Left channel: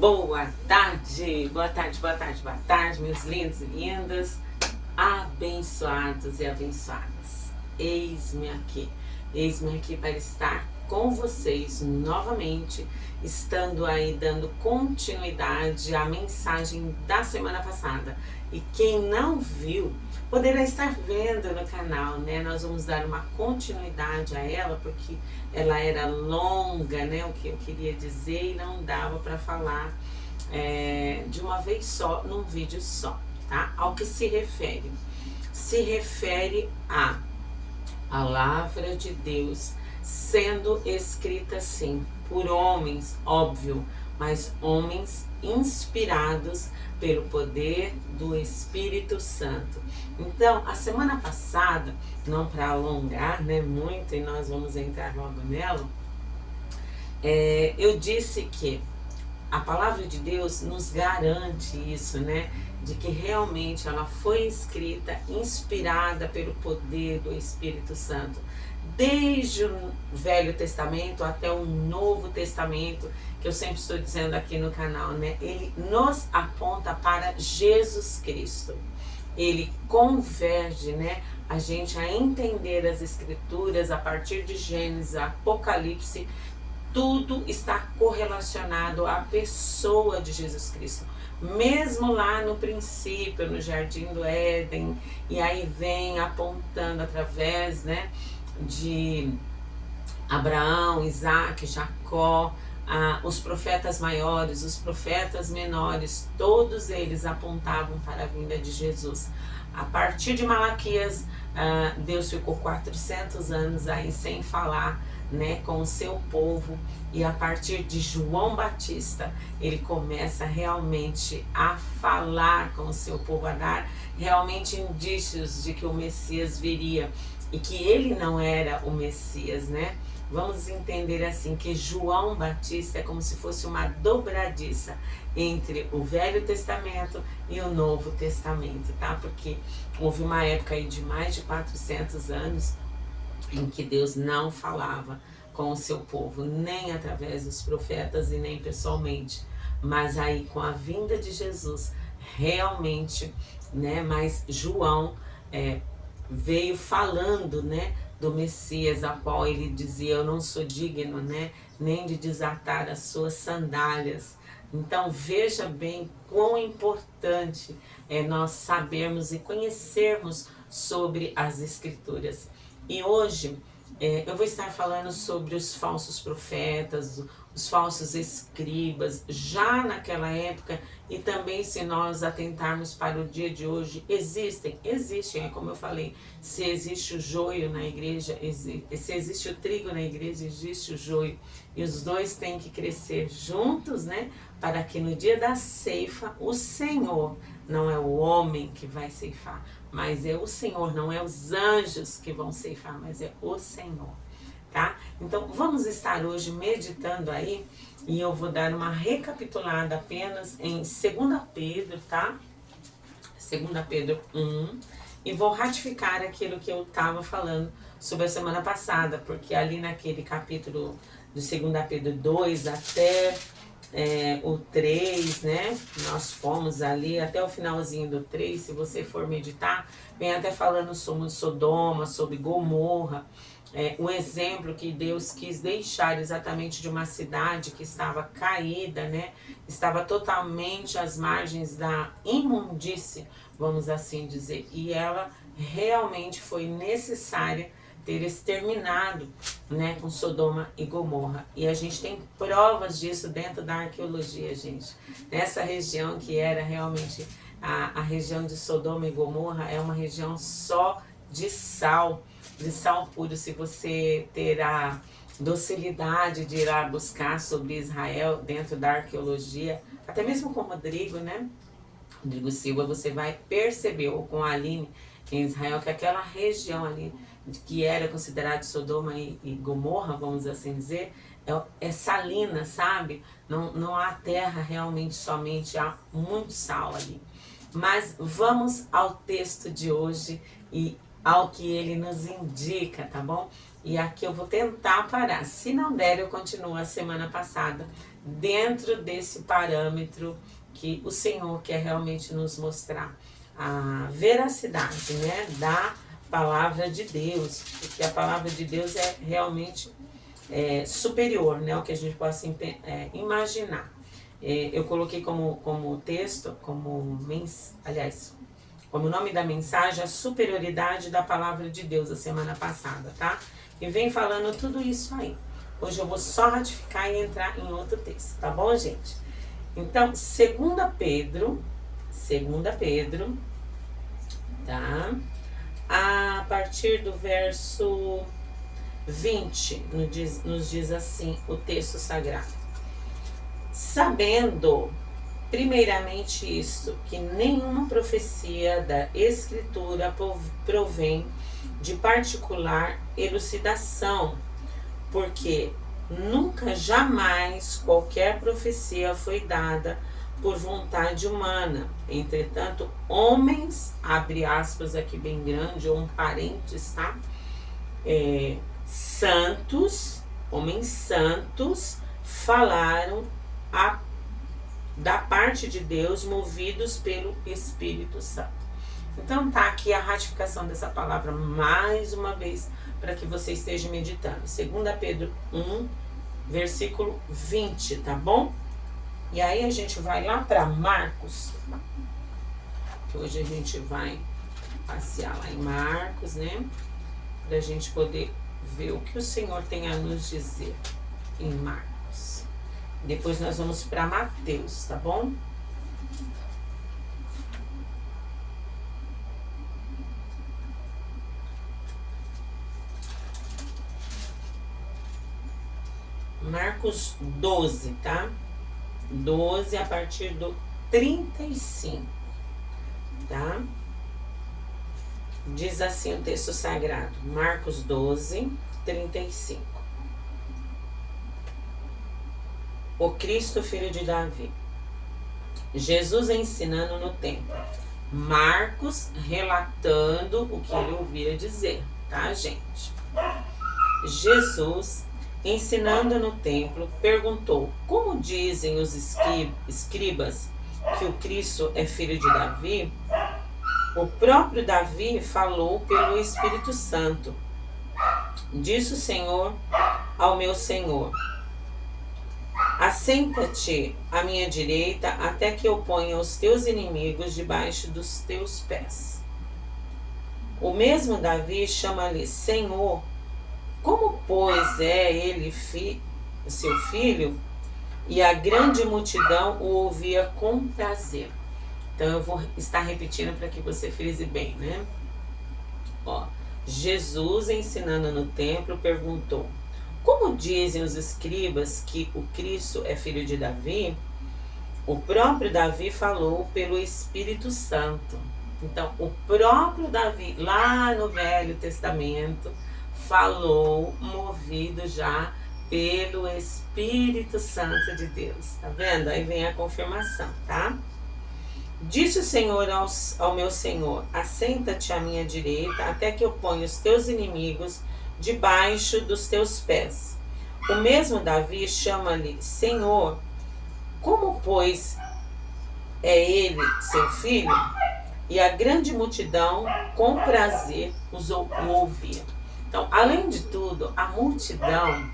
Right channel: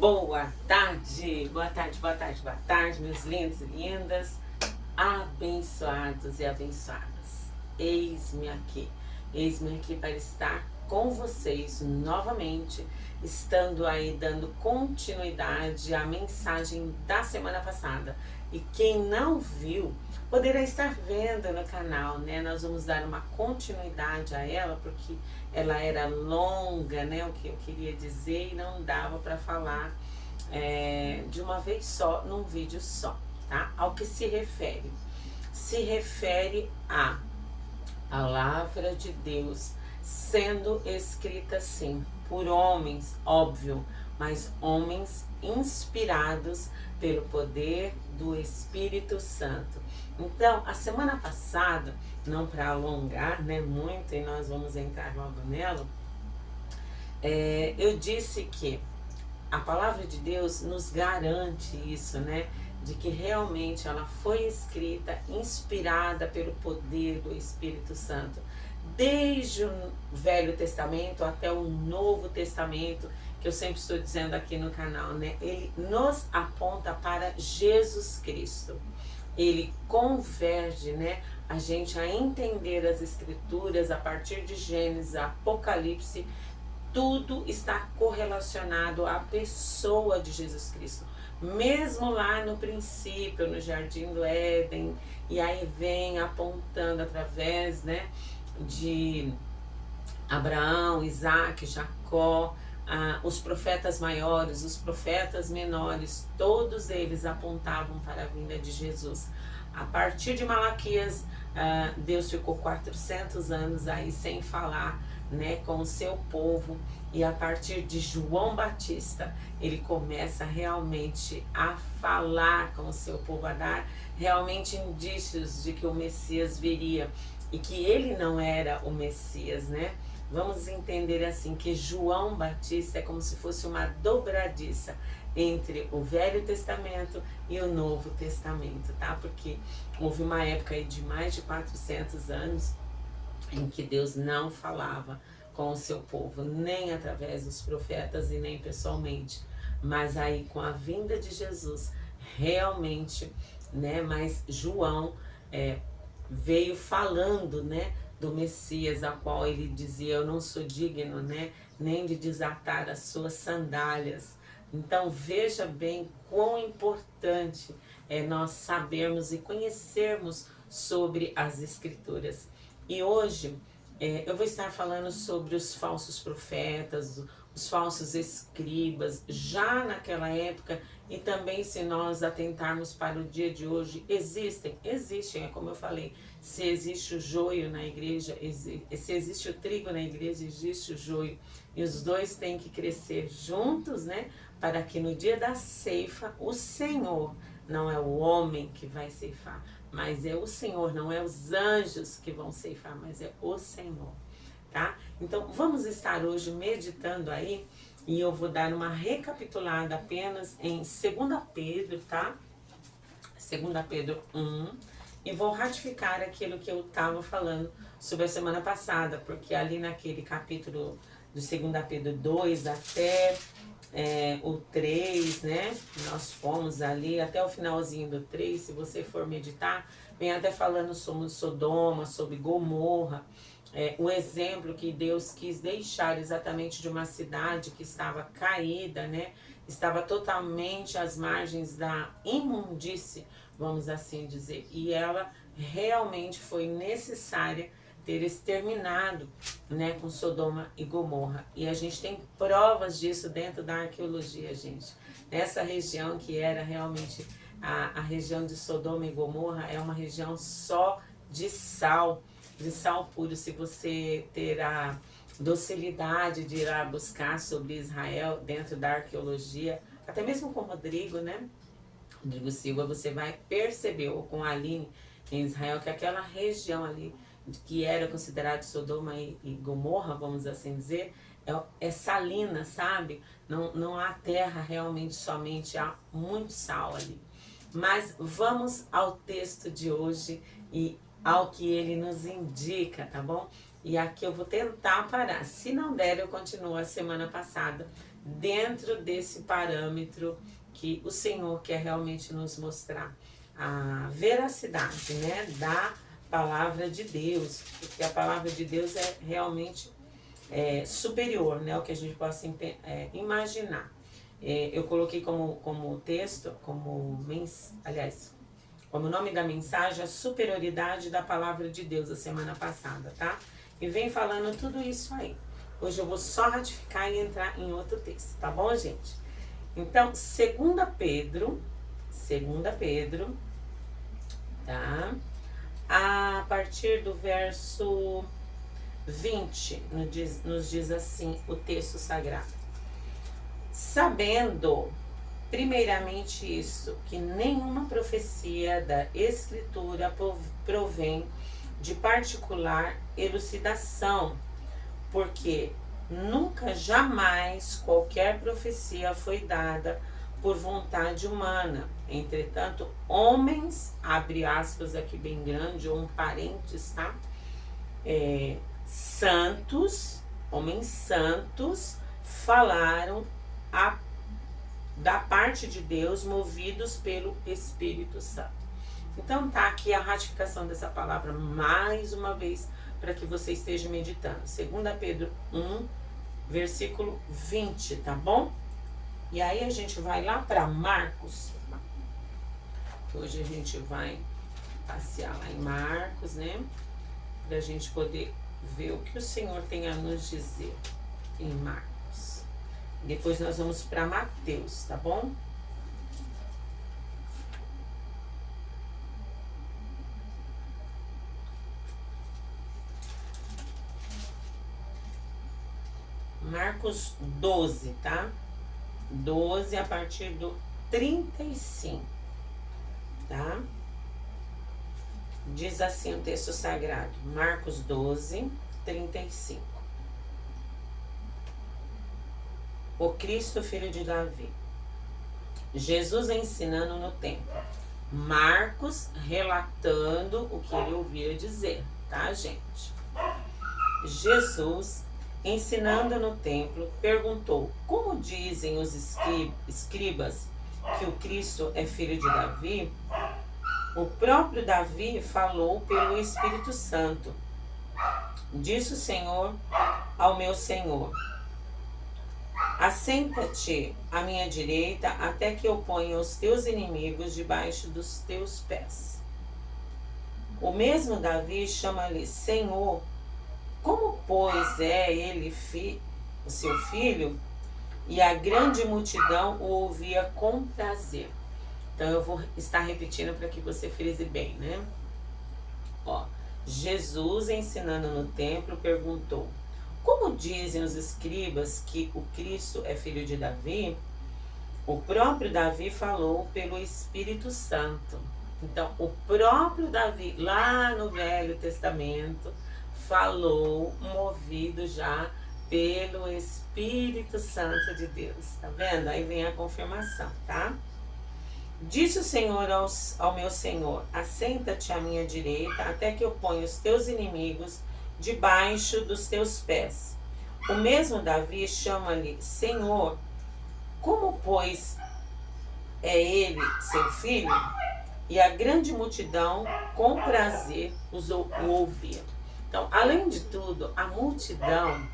Boa tarde, boa tarde, boa tarde, meus lindos e lindas, abençoados e abençoadas. Eis-me aqui para estar com vocês novamente, estando aí dando continuidade à mensagem da semana passada. E quem não viu, poderá estar vendo no canal, né? Nós vamos dar uma continuidade a ela, porque ela era longa, né? O que eu queria dizer e não dava para falar de uma vez só, num vídeo só, tá? Ao que se refere? Se refere à palavra de Deus sendo escrita sim por homens, óbvio, mas homens inspirados pelo poder do Espírito Santo. Então, a semana passada, não para alongar, né, muito, e nós vamos entrar logo nela, eu disse que a palavra de Deus nos garante isso, né? De que realmente ela foi escrita, inspirada pelo poder do Espírito Santo. Desde o Velho Testamento até o Novo Testamento, que eu sempre estou dizendo aqui no canal, né? Ele nos aponta para Jesus Cristo. Ele converge, né, a gente a entender as Escrituras a partir de Gênesis, Apocalipse. Tudo está correlacionado à pessoa de Jesus Cristo. Mesmo lá no princípio, no Jardim do Éden, e aí vem apontando através, né, de Abraão, Isaac, Jacó, os profetas maiores, os profetas menores, todos eles apontavam para a vinda de Jesus. A partir de Malaquias, Deus ficou 400 anos aí sem falar, né, com o seu povo, e a partir de João Batista ele começa realmente a falar com o seu povo, a dar realmente indícios de que o Messias viria e que ele não era o Messias, né? Vamos entender assim que João Batista é como se fosse uma dobradiça entre o Velho Testamento e o Novo Testamento, tá? Porque houve uma época aí de mais de 400 anos em que Deus não falava com o seu povo, nem através dos profetas e nem pessoalmente, mas aí com a vinda de Jesus, realmente, né, mas João veio falando, né, do Messias, a qual ele dizia, eu não sou digno, né, nem de desatar as suas sandálias. Então veja bem quão importante é nós sabermos e conhecermos sobre as Escrituras. E hoje eu vou estar falando sobre os falsos profetas, os falsos escribas, já naquela época, e também se nós atentarmos para o dia de hoje, existem, é como eu falei, se existe o joio na igreja, se existe o trigo na igreja, existe o joio, e os dois têm que crescer juntos, né, para que no dia da ceifa, o Senhor, não é o homem que vai ceifar, mas é o Senhor, não é os anjos que vão ceifar, mas é o Senhor, tá? Então, vamos estar hoje meditando aí, e eu vou dar uma recapitulada apenas em 2 Pedro, tá? 2 Pedro 1, e vou ratificar aquilo que eu estava falando sobre a semana passada, porque ali naquele capítulo do 2 Pedro 2 até o 3, né? Nós fomos ali até o finalzinho do 3, se você for meditar, vem até falando sobre Sodoma, sobre Gomorra, o exemplo que Deus quis deixar exatamente de uma cidade que estava caída, né? Estava totalmente às margens da imundície, vamos assim dizer, e ela realmente foi necessária ter exterminado, né, com Sodoma e Gomorra. E a gente tem provas disso dentro da arqueologia, gente. Nessa região que era realmente a região de Sodoma e Gomorra, é uma região só de sal puro. Se você ter a docilidade de ir lá buscar sobre Israel dentro da arqueologia, até mesmo com Rodrigo, né, Rodrigo Silva, você vai perceber, ou com a Aline em Israel, que aquela região ali que era considerado Sodoma e Gomorra, vamos assim dizer, é salina, sabe? Não há terra realmente somente, há muito sal ali. Mas vamos ao texto de hoje e ao que ele nos indica, tá bom? E aqui eu vou tentar parar. Se não der, eu continuo a semana passada, dentro desse parâmetro que o Senhor quer realmente nos mostrar. A veracidade, né, da palavra de Deus. Porque a palavra de Deus é realmente superior, né, ao que a gente possa imaginar. Eu coloquei como texto, como nome da mensagem, a superioridade da palavra de Deus a semana passada, tá? E vem falando tudo isso aí. Hoje eu vou só ratificar e entrar em outro texto, tá bom, gente? Então, 2 Pedro, tá? A partir do verso 20, nos diz assim o texto sagrado. Sabendo, primeiramente isto, que nenhuma profecia da Escritura provém de particular elucidação, porque nunca, jamais, qualquer profecia foi dada por vontade humana. Entretanto, homens, abre aspas aqui bem grande, ou um parênteses, tá? Homens santos, falaram da parte de Deus, movidos pelo Espírito Santo. Então tá aqui a ratificação dessa palavra mais uma vez, para que você esteja meditando. 2 Pedro 1, versículo 20, tá bom? E aí a gente vai lá para Marcos, que hoje a gente vai passear lá em Marcos, né? Para a gente poder ver o que o Senhor tem a nos dizer em Marcos. Depois nós vamos para Mateus, tá bom? Marcos 12, tá? 12 a partir do 35, tá? Diz assim o texto sagrado, Marcos 12, 35. O Cristo, filho de Davi. Jesus ensinando no templo. Marcos relatando o que ele ouvira dizer, tá, gente? Jesus, ensinando no templo, perguntou: como dizem os escribas que o Cristo é filho de Davi? O próprio Davi falou pelo Espírito Santo. Disse o Senhor ao meu Senhor: assenta-te à minha direita até que eu ponha os teus inimigos debaixo dos teus pés. O mesmo Davi chama-lhe Senhor. Como, pois, é ele seu filho? E a grande multidão o ouvia com prazer. Então eu vou estar repetindo para que você frise bem, né? Ó, Jesus, ensinando no templo, perguntou: como dizem os escribas que o Cristo é filho de Davi? O próprio Davi falou pelo Espírito Santo. Então, o próprio Davi, lá no Velho Testamento, falou, movido já pelo Espírito Santo de Deus. Tá vendo? Aí vem a confirmação, tá? Disse o Senhor ao meu Senhor: assenta-te à minha direita até que eu ponha os teus inimigos debaixo dos teus pés. O mesmo Davi chama-lhe Senhor. Como, pois, é ele seu filho? E a grande multidão com prazer o ouvia. Então, além de tudo, a multidão,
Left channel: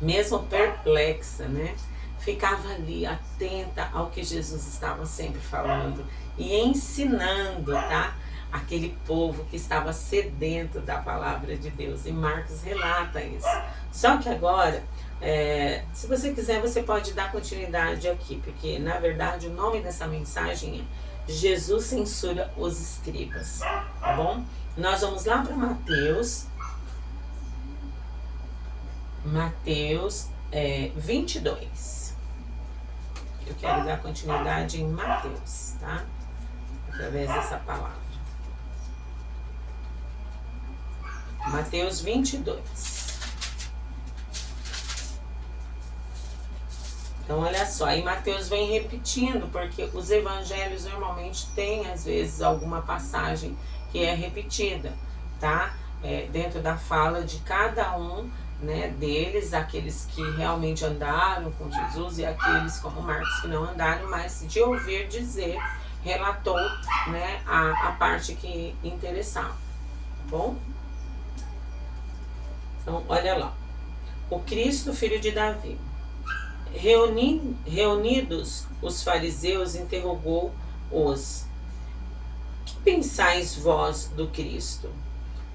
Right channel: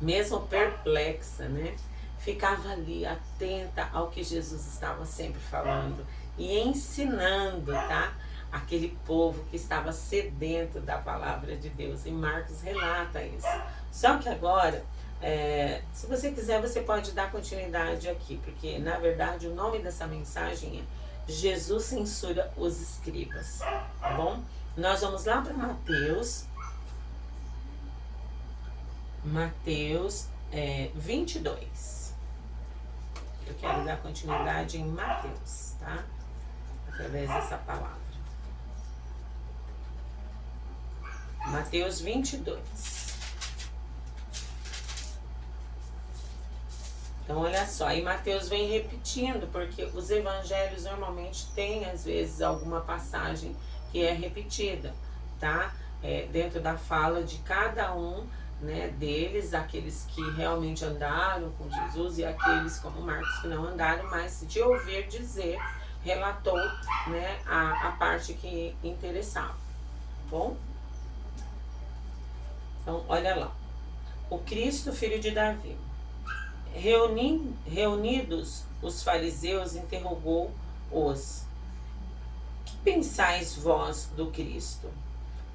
mesmo perplexa, né, ficava ali atenta ao que Jesus estava sempre falando e ensinando, tá? Aquele povo que estava sedento da palavra de Deus. E Marcos relata isso. Só que agora, se você quiser, você pode dar continuidade aqui, porque na verdade o nome dessa mensagem é Jesus censura os escribas, tá bom? Nós vamos lá para Mateus 22. Eu quero dar continuidade em Mateus, tá? Através dessa palavra. Mateus 22. Então, olha só, aí Mateus vem repetindo, porque os evangelhos normalmente têm, às vezes, alguma passagem que é repetida, tá? dentro da fala de cada um, né, deles, aqueles que realmente andaram com Jesus e aqueles como Marcos que não andaram, mas de ouvir dizer, relatou, né, a parte que interessava, tá bom? Então, olha lá. O Cristo, filho de Davi. Reunidos os fariseus, interrogou-os: que pensais vós do Cristo?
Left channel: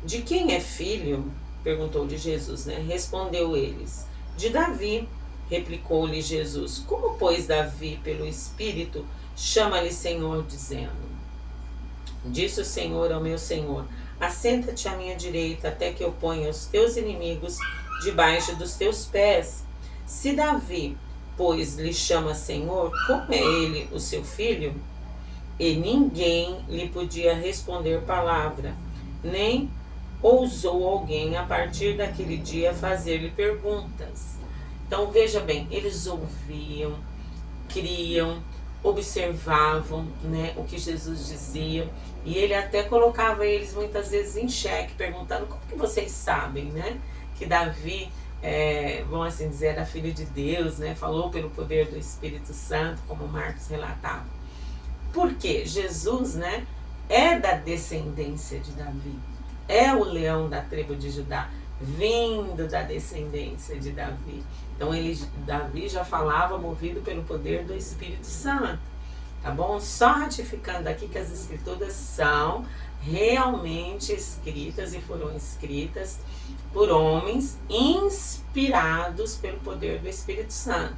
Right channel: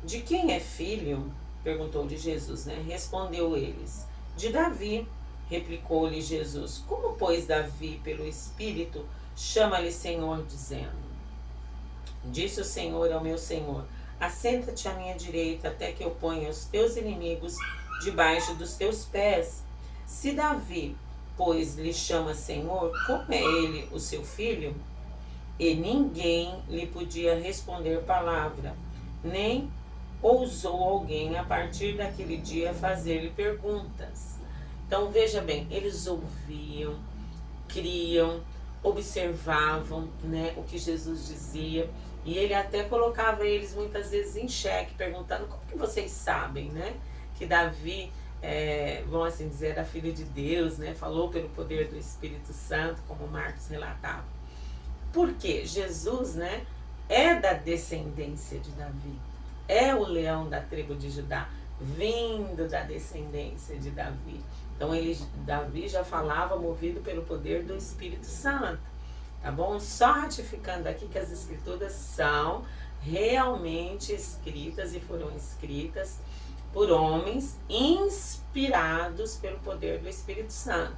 De quem é filho? Perguntou de Jesus, né? Respondeu eles: de Davi. Replicou-lhe Jesus: como, pois, Davi, pelo Espírito, chama-lhe Senhor, dizendo: disse o Senhor ao meu Senhor: assenta-te à minha direita, até que eu ponha os teus inimigos debaixo dos teus pés. Se Davi, pois, lhe chama Senhor, como é ele o seu filho? E ninguém lhe podia responder palavra, nem ousou alguém a partir daquele dia fazer-lhe perguntas. Então veja bem, eles ouviam, criam, observavam, né, o que Jesus dizia, e ele até colocava eles muitas vezes em xeque, perguntando: como que vocês sabem, né, que Davi, vamos assim dizer, era filho de Deus, né, falou pelo poder do Espírito Santo, como Marcos relatava. Porque Jesus, né, é da descendência de Davi, é o leão da tribo de Judá, vindo da descendência de Davi. Então Davi já falava movido pelo poder do Espírito Santo, tá bom? Só ratificando aqui que as escrituras são realmente escritas e foram escritas por homens inspirados pelo poder do Espírito Santo.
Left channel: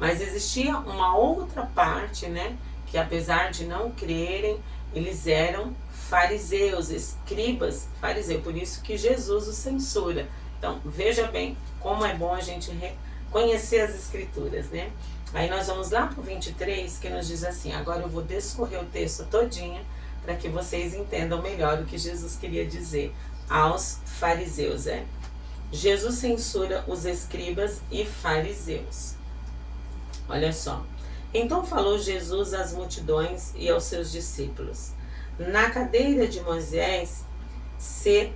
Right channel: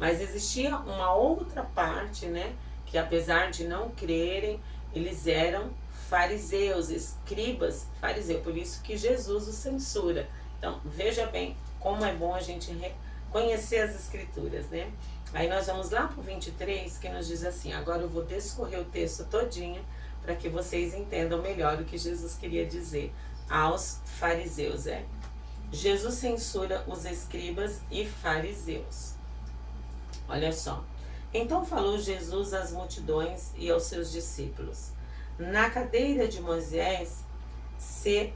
Mas existia uma outra parte, né, que apesar de não crerem, eles eram fariseus, escribas fariseus, por isso que Jesus os censura. Então, veja bem como é bom a gente conhecer as escrituras, né? Aí nós vamos lá para o 23, que nos diz assim: agora eu vou descorrer o texto todinho para que vocês entendam melhor o que Jesus queria dizer aos fariseus, Jesus censura os escribas e fariseus. Olha só. Então falou Jesus às multidões e aos seus discípulos: na cadeira de Moisés se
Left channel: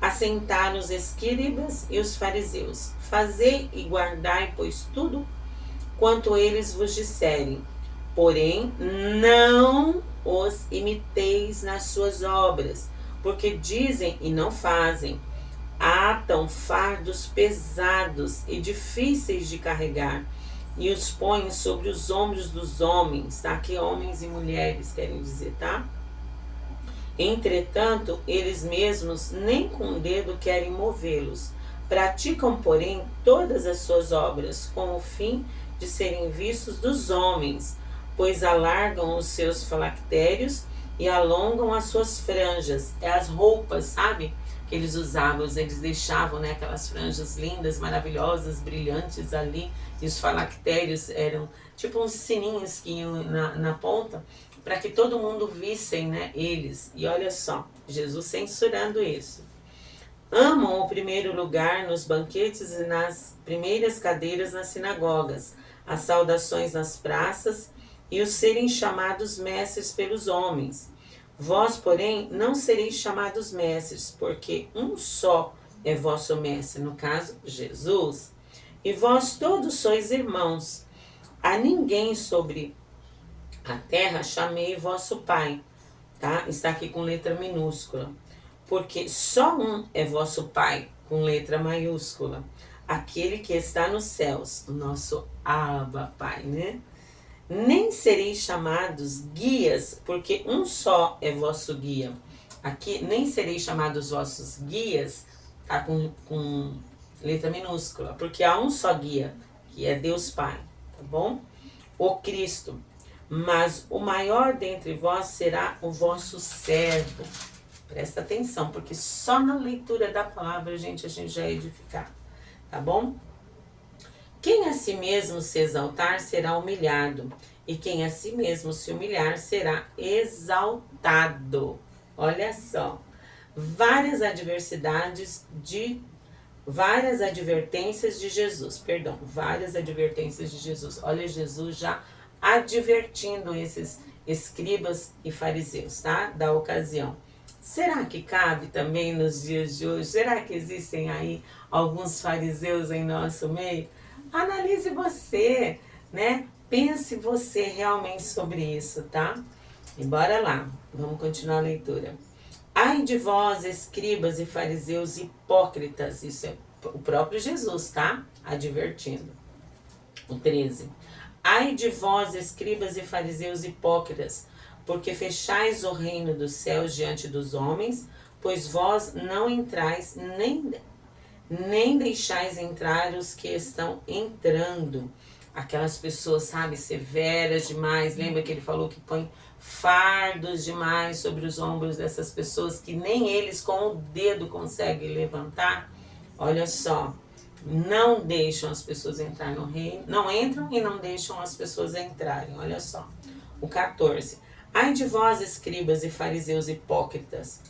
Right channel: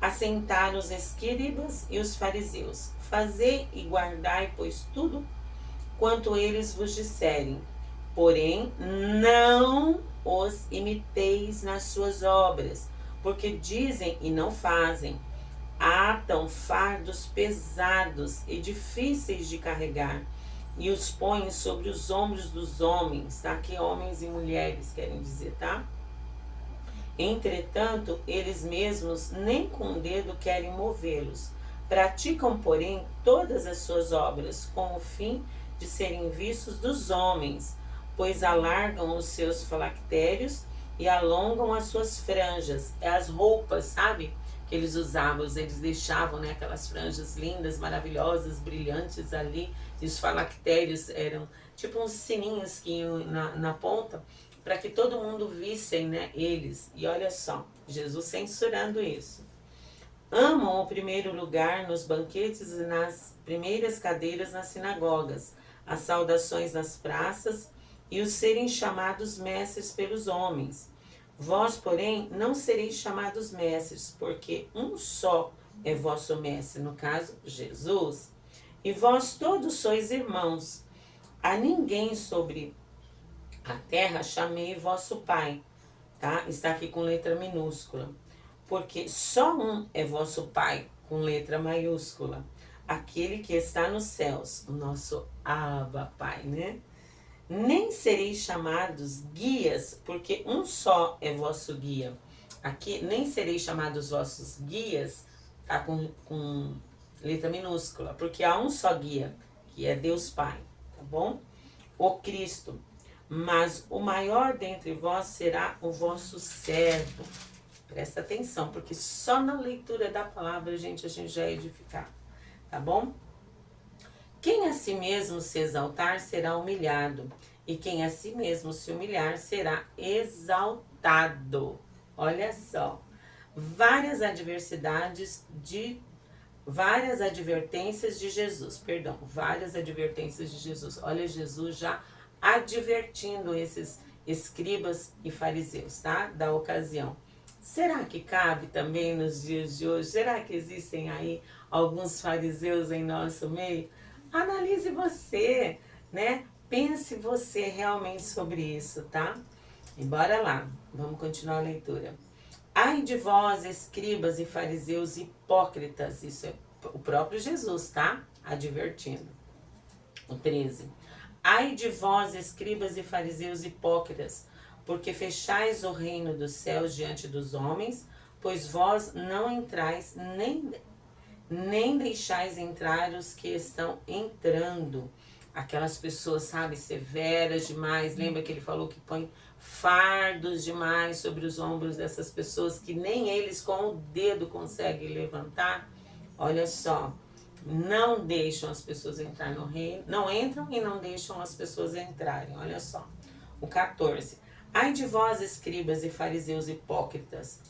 assentaram os escribas e os fariseus. Fazei e guardai, pois, tudo quanto eles vos disserem, porém não os imiteis nas suas obras, porque dizem e não fazem. Atam fardos pesados e difíceis de carregar, e os põem sobre os ombros dos homens, tá? Que homens e mulheres querem dizer, tá? Entretanto, eles mesmos nem com o dedo querem movê-los. Praticam, porém, todas as suas obras com o fim de serem vistos dos homens, pois alargam os seus filactérios e alongam as suas franjas. É as roupas, sabe? Que eles usavam, eles deixavam, né, aquelas franjas lindas, maravilhosas, brilhantes ali, e os filactérios eram tipo uns sininhos que iam na ponta, para que todo mundo vissem, né, eles. E olha só, Jesus censurando isso. Amam o primeiro lugar nos banquetes e nas primeiras cadeiras nas sinagogas, as saudações nas praças e os serem chamados mestres pelos homens. Vós, porém, não sereis chamados mestres, porque um só é vosso mestre, no caso, Jesus. E vós todos sois irmãos. A ninguém sobre a terra chamei vosso Pai, tá? Está aqui com letra minúscula. Porque só um é vosso Pai, com letra maiúscula. Aquele que está nos céus, o nosso Abba Pai, né? Nem sereis chamados guias, porque um só é vosso guia. Aqui, nem sereis chamados vossos guias, tá? Com letra minúscula, porque há um só guia, que é Deus Pai, tá bom? O Cristo. Mas o maior dentre vós será o vosso servo. Presta atenção, porque só na leitura da palavra, gente, a gente já é edificado, tá bom? Quem a si mesmo se exaltar será humilhado, e quem a si mesmo se humilhar será exaltado. Olha só, várias advertências de Jesus. Olha, Jesus já advertindo esses escribas e fariseus, tá? Da ocasião. Será que cabe também nos dias de hoje? Será que existem aí alguns fariseus em nosso meio? Analise você, né? Pense você realmente sobre isso, tá? E bora lá, vamos continuar a leitura. Ai de vós, escribas e fariseus hipócritas, isso é o próprio Jesus, tá? Advertindo. O 13. Ai de vós, escribas e fariseus hipócritas, porque fechais o reino dos céus diante dos homens, pois vós não entrais, nem deixais entrar os que estão entrando. Aquelas pessoas, sabe, severas demais. Lembra que ele falou que põe fardos demais sobre os ombros dessas pessoas que nem eles com o dedo conseguem levantar? Olha só, não deixam as pessoas entrar no reino, não entram e não deixam as pessoas entrarem. Olha só. O 14. Ai de vós, escribas e fariseus hipócritas,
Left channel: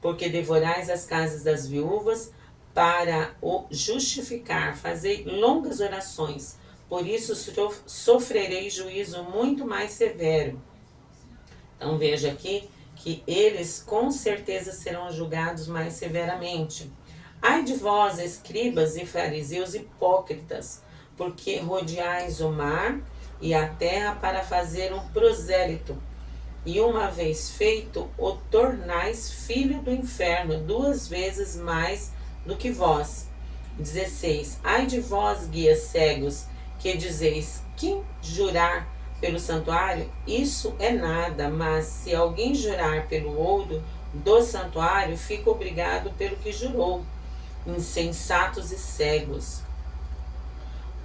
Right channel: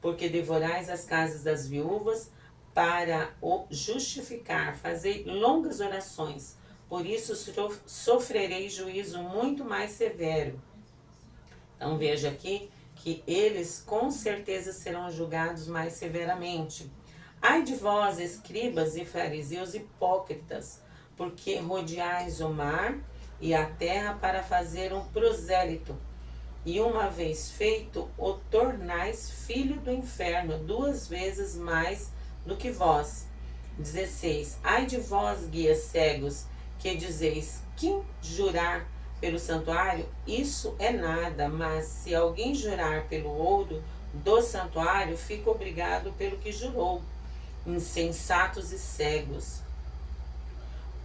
porque devorais as casas das viúvas para o justificar, fazei longas orações, por isso sofrerei juízo muito mais severo. Então veja aqui que eles com certeza serão julgados mais severamente. Ai de vós, escribas e fariseus hipócritas, porque rodeais o mar e a terra para fazer um prosélito, e uma vez feito, o tornais filho do inferno 2 vezes mais do que vós. 16. Ai de vós, guias cegos, que dizeis, quem jurar pelo santuário, isso é nada, mas se alguém jurar pelo ouro do santuário, fica obrigado pelo que jurou. Insensatos e cegos.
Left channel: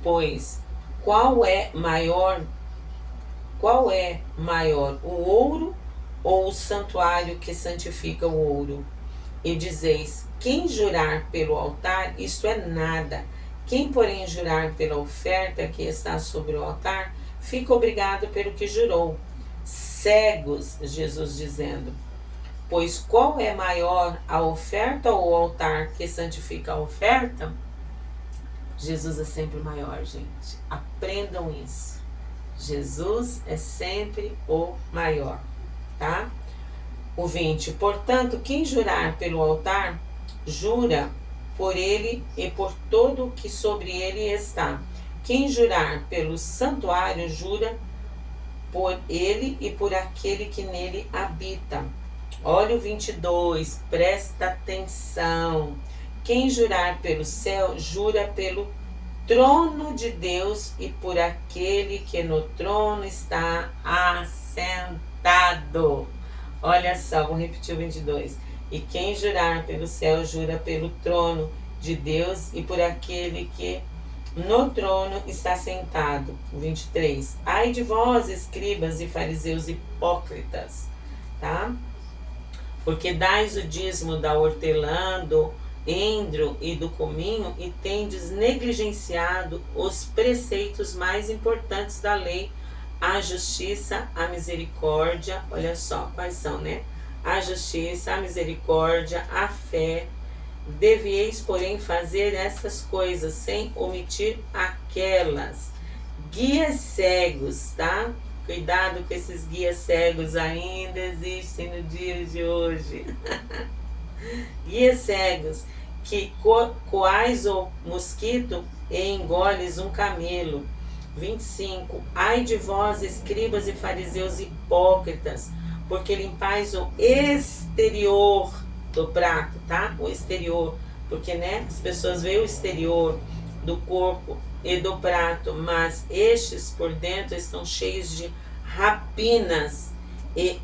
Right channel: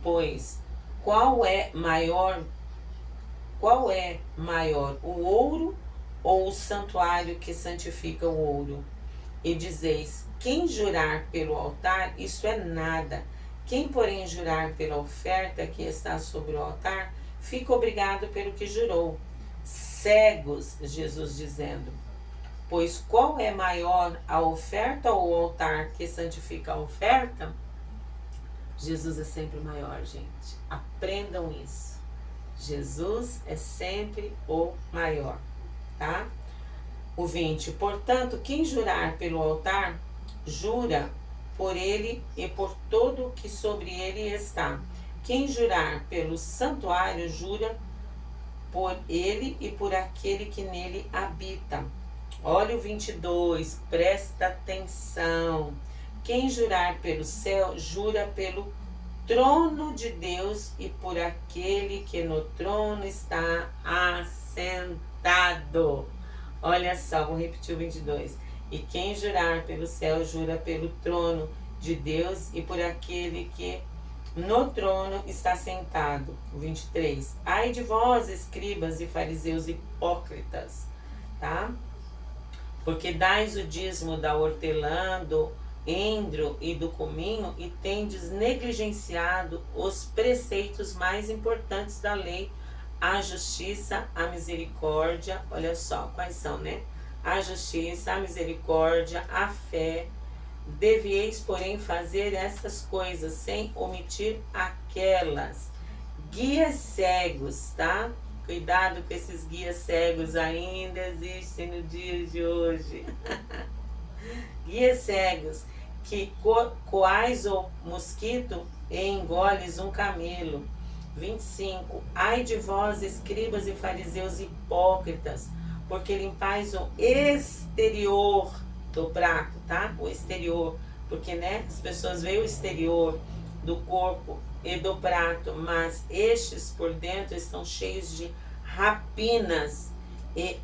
Pois, qual é maior, o ouro ou o santuário que santifica o ouro? E dizeis, quem jurar pelo altar, isto é nada. Quem, porém, jurar pela oferta que está sobre o altar, fica obrigado pelo que jurou. Cegos, Jesus dizendo, pois qual é maior, a oferta ou o altar que santifica a oferta? Jesus é sempre maior, gente. Aprendam isso. Jesus é sempre o maior, tá? O 20. Portanto, quem jurar pelo altar, jura por ele e por todo o que sobre ele está. Quem jurar pelo santuário, jura por ele e por aquele que nele habita. Olha o 22, presta atenção. Quem jurar pelo céu, jura pelo trono de Deus e por aquele que no trono está assentado. Olha só, vou repetir o 22. E quem jurar pelo céu, jura pelo trono de Deus e por aquele que no trono está sentado. 23. Ai de vós, escribas e fariseus hipócritas, tá? Porque dais o dízimo da hortelã, do endro e do cominho e tendes negligenciado os preceitos mais importantes da lei, a justiça, a misericórdia. Olha só quais são, né? A justiça, a misericórdia, a fé. Devieis, porém, fazer essas coisas sem omitir aquelas. Guias cegos, tá? Cuidado com esses guias cegos, ainda existem no dia de hoje. Guias cegos, que coais o mosquito e engoles um camelo. 25. Ai de vós, escribas e fariseus hipócritas, porque limpais o exterior do prato, tá? O exterior, porque, né, as pessoas veem o exterior do corpo e do prato, mas estes por dentro estão cheios de rapinas e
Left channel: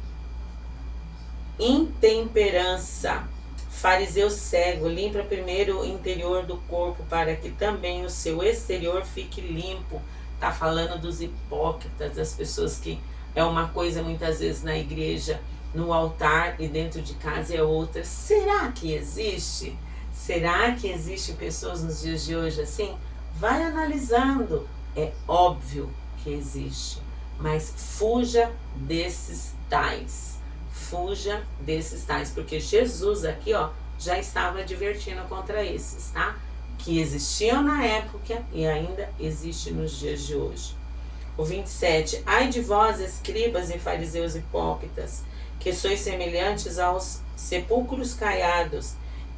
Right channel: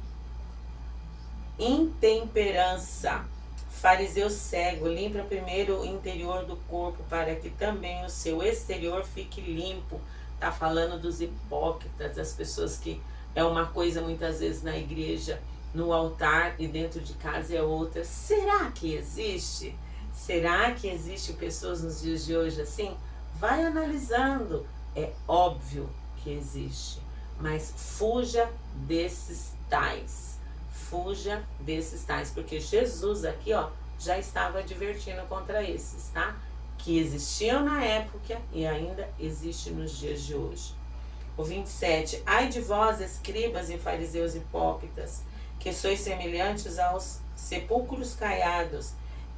intemperança. Fariseu cego, limpa primeiro o interior do corpo, para que também o seu exterior fique limpo. Tá falando dos hipócritas, das pessoas que é uma coisa muitas vezes na igreja, no altar, e dentro de casa é outra. Será que existe? Será que existem pessoas nos dias de hoje assim? Vai analisando. É óbvio que existe, mas fuja desses tais. Fuja desses tais, porque Jesus aqui, ó, já estava advertindo contra esses, tá? Que existiam na época e ainda existe nos dias de hoje. O 27. Ai de vós, escribas e fariseus hipócritas, que sois semelhantes aos sepulcros caiados,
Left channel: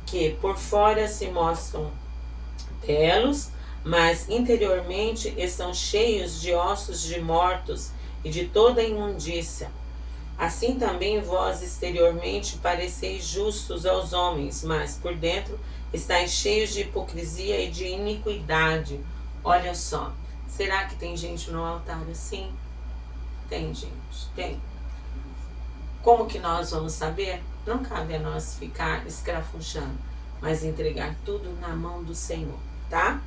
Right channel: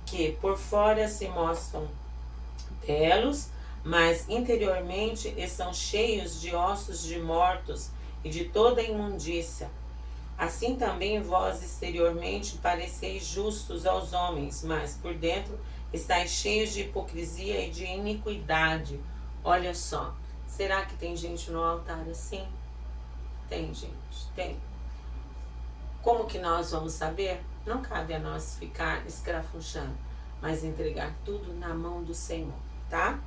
que por fora se mostram belos, mas interiormente estão cheios de ossos de mortos e de toda imundícia. Assim também vós exteriormente pareceis justos aos homens, mas por dentro estáis cheios de hipocrisia e de iniquidade. Olha só, será que tem gente no altar assim? Tem, gente, tem. Como que nós vamos saber? Não cabe a nós ficar escrafunchando, mas entregar tudo na mão do Senhor, tá?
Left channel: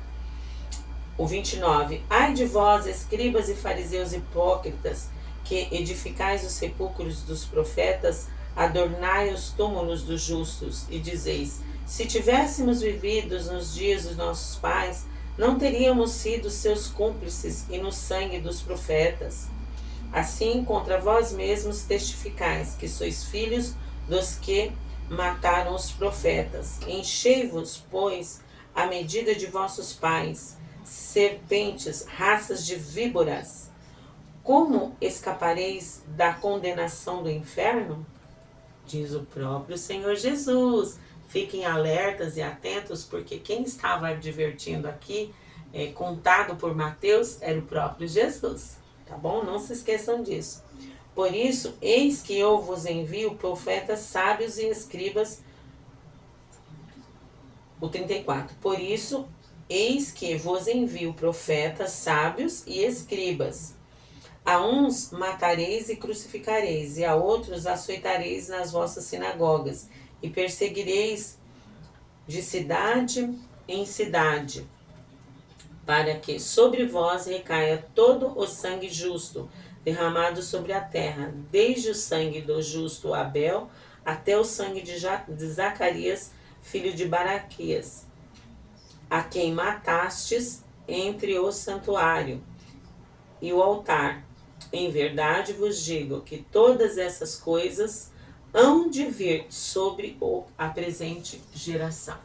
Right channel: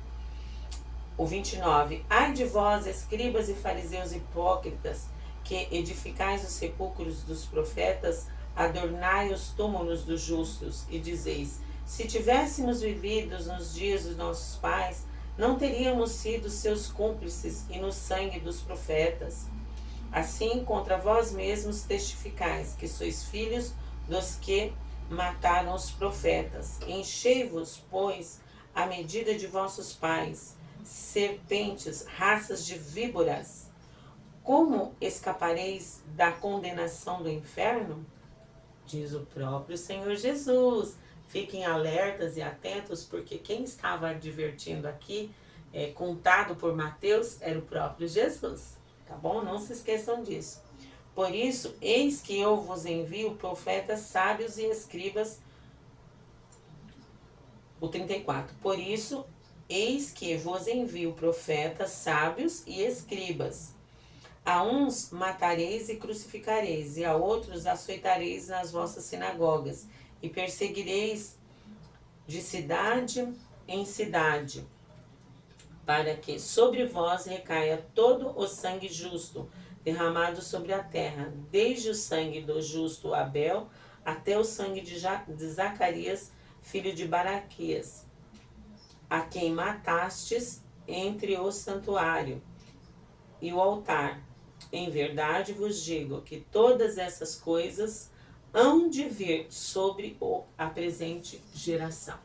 O 29. Ai de vós, escribas e fariseus hipócritas, que edificais os sepulcros dos profetas, adornai os túmulos dos justos, e dizeis: se tivéssemos vivido nos dias dos nossos pais, não teríamos sido seus cúmplices e no sangue dos profetas. Assim, contra vós mesmos testificais que sois filhos dos que mataram os profetas. Enchei-vos, pois, à medida de vossos pais, serpentes, raças de víboras. Como escapareis da condenação do inferno? Diz o próprio Senhor Jesus. Fiquem alertas e atentos, porque quem estava advertindo aqui, contado por Mateus, era o próprio Jesus. Tá bom? Não se esqueçam disso. Por isso, eis que eu vos envio profetas sábios e escribas. O 34. Por isso, eis que vos envio profetas sábios e escribas. A uns matareis e crucificareis, e a outros açoitareis nas vossas sinagogas, e perseguireis de cidade em cidade, para que sobre vós recaia todo o sangue justo, derramado sobre a terra, desde o sangue do justo Abel, até o sangue de Zacarias, filho de Baraquias, a quem matastes entre o santuário e o altar. Em verdade vos digo que todas essas coisas hão de vir sobre a presente geração.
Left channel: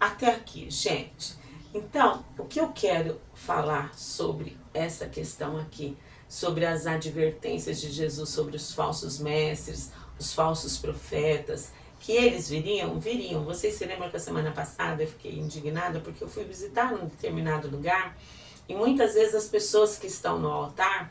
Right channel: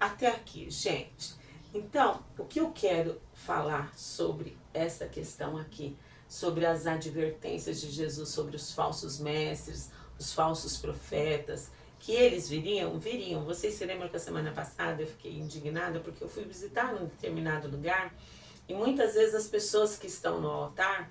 Até aqui, gente. Então, o que eu quero falar sobre essa questão aqui, sobre as advertências de Jesus sobre os falsos mestres, os falsos profetas, que eles viriam. Vocês se lembram que a semana passada eu fiquei indignada porque eu fui visitar um determinado lugar e muitas vezes as pessoas que estão no altar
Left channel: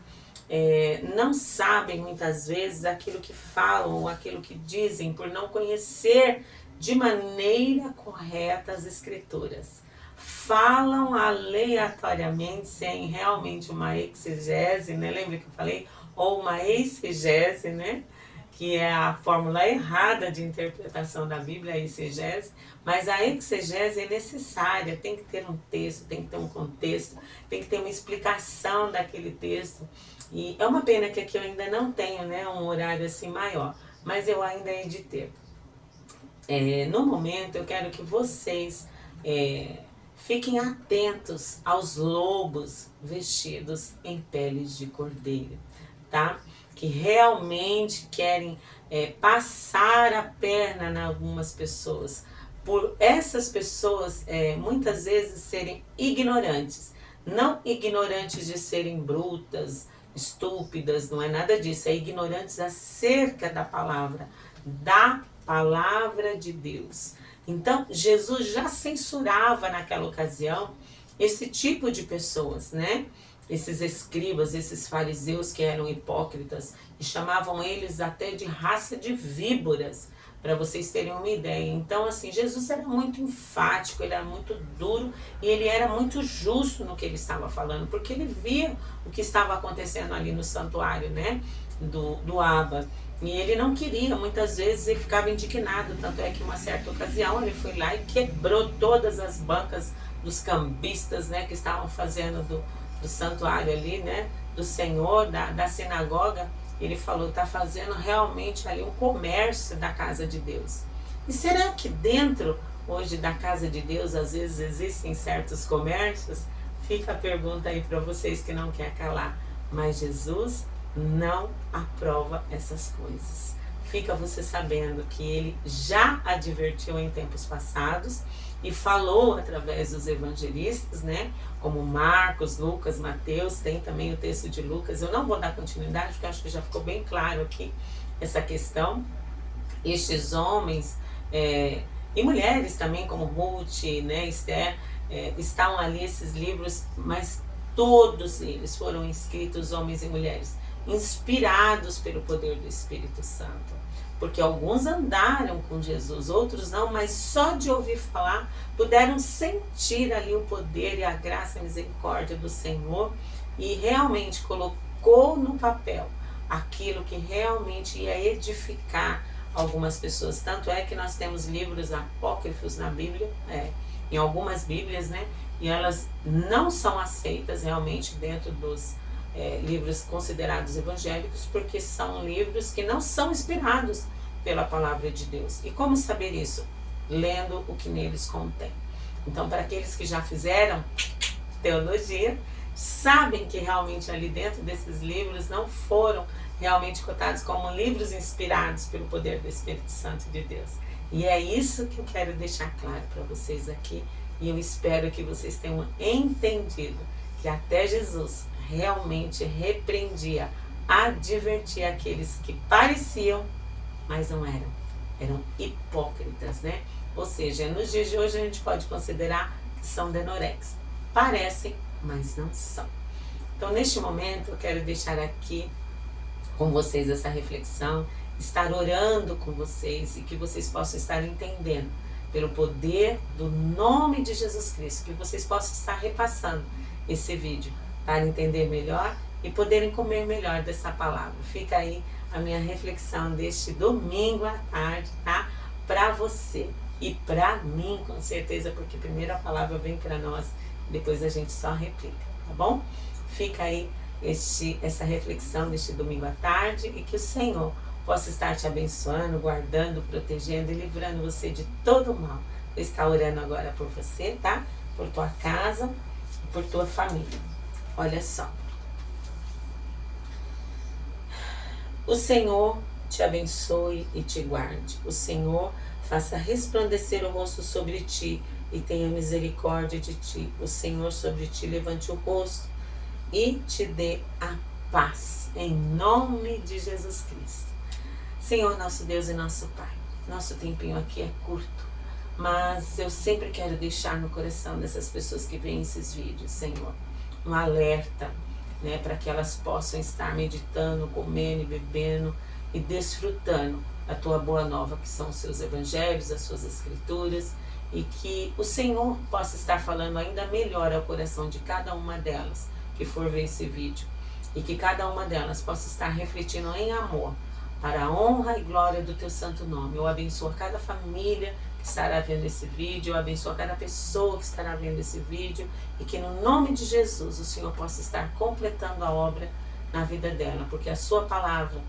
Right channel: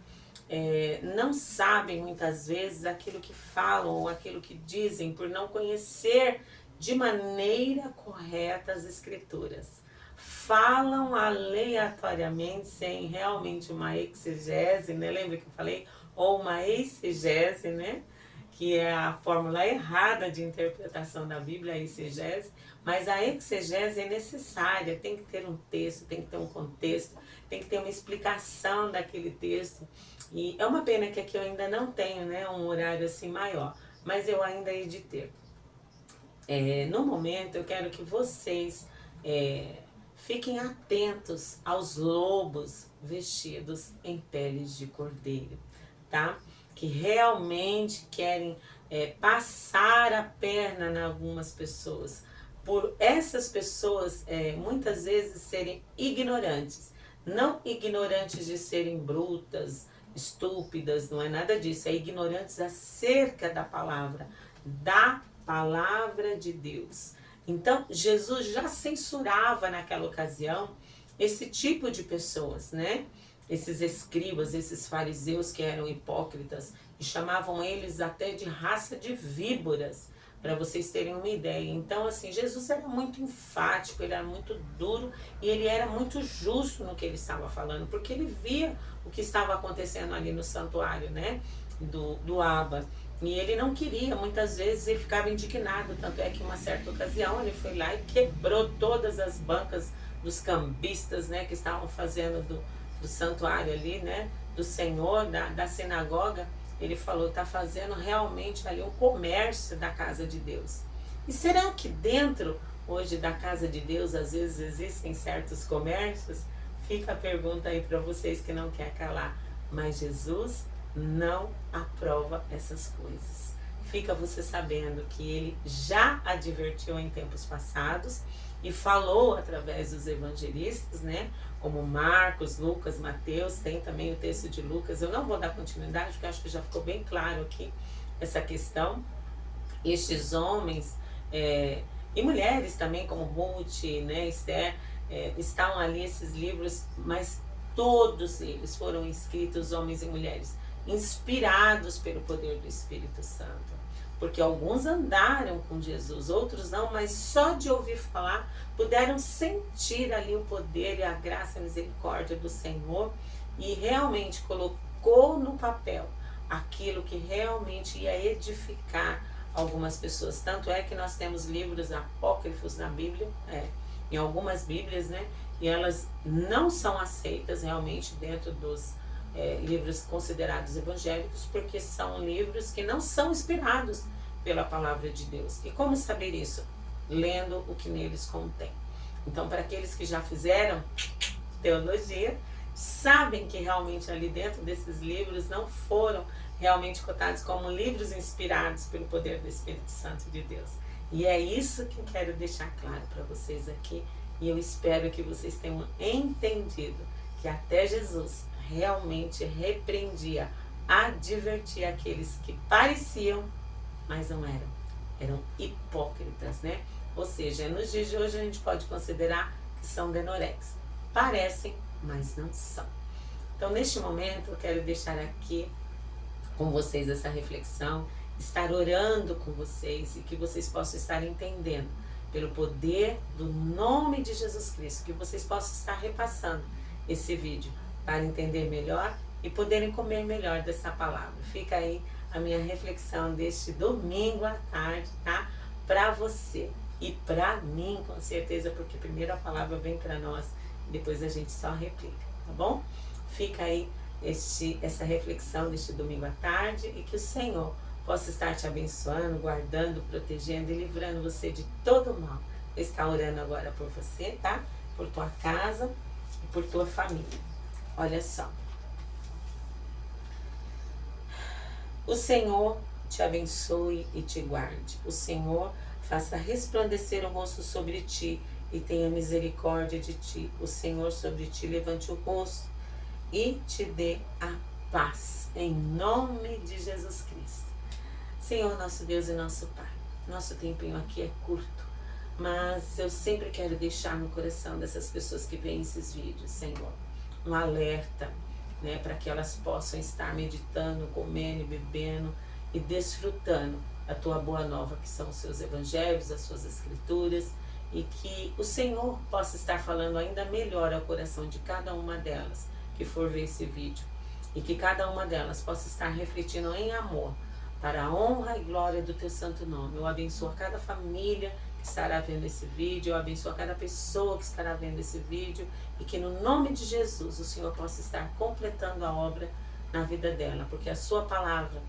não sabem muitas vezes aquilo que falam ou aquilo que dizem por não conhecer de maneira correta as escrituras. Falam aleatoriamente sem realmente uma exegese, né? Lembra que eu falei? Ou uma exegese, né? Que é a fórmula errada de interpretação da Bíblia, a exegese. Mas a exegese é necessária, tem que ter um texto, tem que ter um contexto, tem que ter uma explicação daquele texto. E é uma pena que aqui eu ainda não tenho, né, um horário assim maior, mas eu ainda hei de ter. No momento eu quero que vocês fiquem atentos aos lobos vestidos em peles de cordeiro, tá? Que realmente querem passar a perna em algumas pessoas, por essas pessoas muitas vezes serem ignorantes, não ignorantes de serem brutas, estúpidas, não é nada disso, é ignorantes acerca da palavra de Deus. Então, Jesus já censurava naquela ocasião esse tipo de pessoas, né? Esses escribas, esses fariseus que eram hipócritas, e chamavam eles até de raça de víboras, para vocês terem uma ideia. Então, assim, Jesus era muito enfático, ele era muito duro e ele era muito justo no que ele estava falando, porque ele via o que estava acontecendo ali no santuário, né, do Abba. E ele não queria, muitas vezes ele ficava indignado, tanto é que uma certa ocasião ele foi lá e quebrou todas as bancas dos cambistas, né, que estavam fazendo do santuário ali, né, do Senhor, da sinagoga. Ele falou, está fazendo realmente ali um comércio da casa de Deus. E será que dentro hoje da casa de Deus às vezes existem certos comércios? Fica a pergunta aí para vocês que não quer calar. Mas Jesus não aprova essas coisas. Fica você sabendo que ele já advertiu em tempos passados e falou através dos evangelistas, né? Como Marcos, Lucas, Mateus, tem também o texto de Lucas. Eu não vou dar continuidade porque acho que já ficou bem claro aqui essa questão. Estes homens e mulheres também, como Ruth, né, Esther, estão ali esses livros, mas todos eles foram escritos, homens e mulheres, inspirados pelo poder do Espírito Santo. Porque alguns andaram com Jesus, outros não, mas só de ouvir falar puderam sentir ali o poder e a graça e a misericórdia do Senhor e realmente colocou no papel aquilo que realmente ia edificar algumas pessoas. Tanto é que nós temos livros apócrifos na Bíblia, em algumas Bíblias, né? E elas não são aceitas realmente dentro dos livros considerados evangélicos, porque são livros que não são inspirados pela palavra de Deus. E como saber isso? Lendo o que neles contém. Então, para aqueles que já fizeram teologia, sabem que realmente ali dentro desses livros não foram realmente cotados como livros inspirados pelo poder do Espírito Santo de Deus. E é isso que eu quero deixar claro para vocês aqui, e eu espero que vocês tenham entendido que até Jesus realmente repreendia, advertia aqueles que pareciam, mas não eram hipócritas, né? Ou seja, nos dias de hoje a gente pode considerar que são denorexes. Parecem, mas não são. Então, neste momento, eu quero deixar aqui com vocês essa reflexão, estar orando com vocês e que vocês possam estar entendendo pelo poder do nome de Jesus Cristo, que vocês possam estar repassando esse vídeo para entender melhor e poderem comer melhor dessa palavra. Fica aí a minha reflexão deste domingo à tarde, tá? Para você e para mim, com certeza, porque primeiro a palavra vem para nós, depois a gente só replica, tá bom? Fica aí essa reflexão deste domingo à tarde e que o Senhor possa estar te abençoando, guardando, protegendo e livrando você de todo o mal. Eu estou orando agora por você, tá? Por tua casa e por tua família. Olha só. O Senhor te abençoe e te guarde. O Senhor faça resplandecer o rosto sobre ti e tenha misericórdia de ti. O Senhor sobre ti levante o rosto e te dê a paz, em nome de Jesus Cristo. Senhor, nosso Deus e nosso Pai, nosso tempinho aqui é curto, mas eu sempre quero deixar no coração dessas pessoas que veem esses vídeos, Senhor, um alerta, né, para que elas possam estar meditando, comendo e bebendo e desfrutando da tua boa nova, que são os seus evangelhos, as suas escrituras, e que o Senhor possa estar falando ainda melhor ao coração de cada uma delas que for ver esse vídeo, e que cada uma delas possa estar refletindo em amor para a honra e glória do teu santo nome. Eu abençoo cada família que estará vendo esse vídeo, eu abençoo cada pessoa que estará vendo esse vídeo, e que no nome de Jesus o Senhor possa estar completando a obra na vida dela, porque a sua palavra,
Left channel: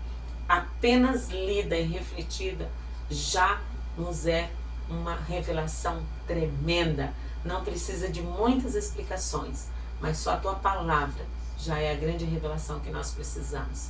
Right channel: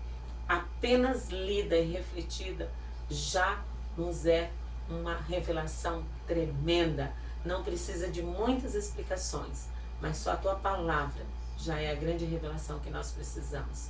apenas lida e refletida, já nos é uma revelação tremenda. Não precisa de muitas explicações, mas só a tua palavra já é a grande revelação que nós precisamos.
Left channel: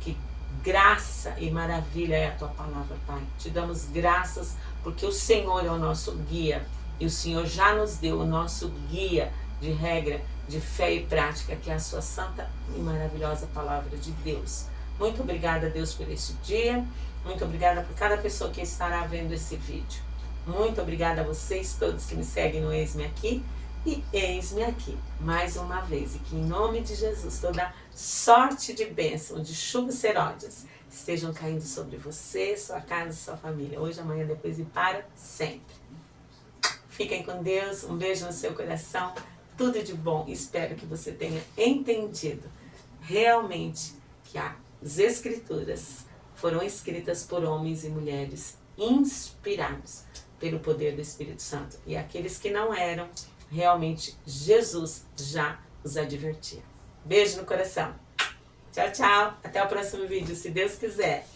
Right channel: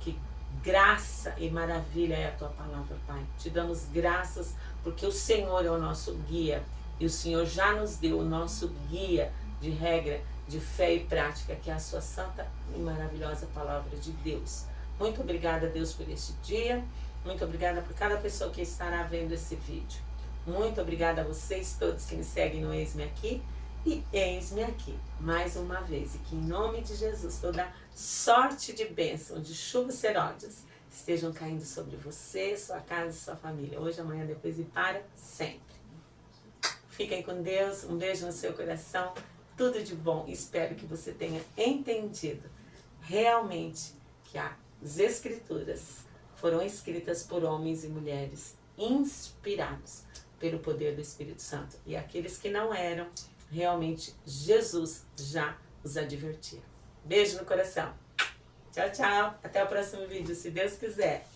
Que graça e maravilha é a tua palavra, Pai. Te damos graças porque o Senhor é o nosso guia, e o Senhor já nos deu o nosso guia de regra, de fé e prática, que é a sua santa e maravilhosa palavra de Deus. Muito obrigada, Deus, por este dia. Muito obrigada por cada pessoa que estará vendo esse vídeo. Muito obrigada a vocês todos que me seguem no Eis-me Aqui. E eis-me aqui, mais uma vez. E que em nome de Jesus toda sorte de bênção, de chuvas serôdias, estejam caindo sobre você, sua casa e sua família. Hoje, amanhã, depois e para sempre. Fiquem com Deus. Um beijo no seu coração. Tudo de bom. Espero que você tenha entendido realmente que as Escrituras foram escritas por homens e mulheres inspirados pelo poder do Espírito Santo. E aqueles que não eram, realmente Jesus já os advertia. Beijo no coração. Tchau, tchau. Até o próximo vídeo, se Deus quiser.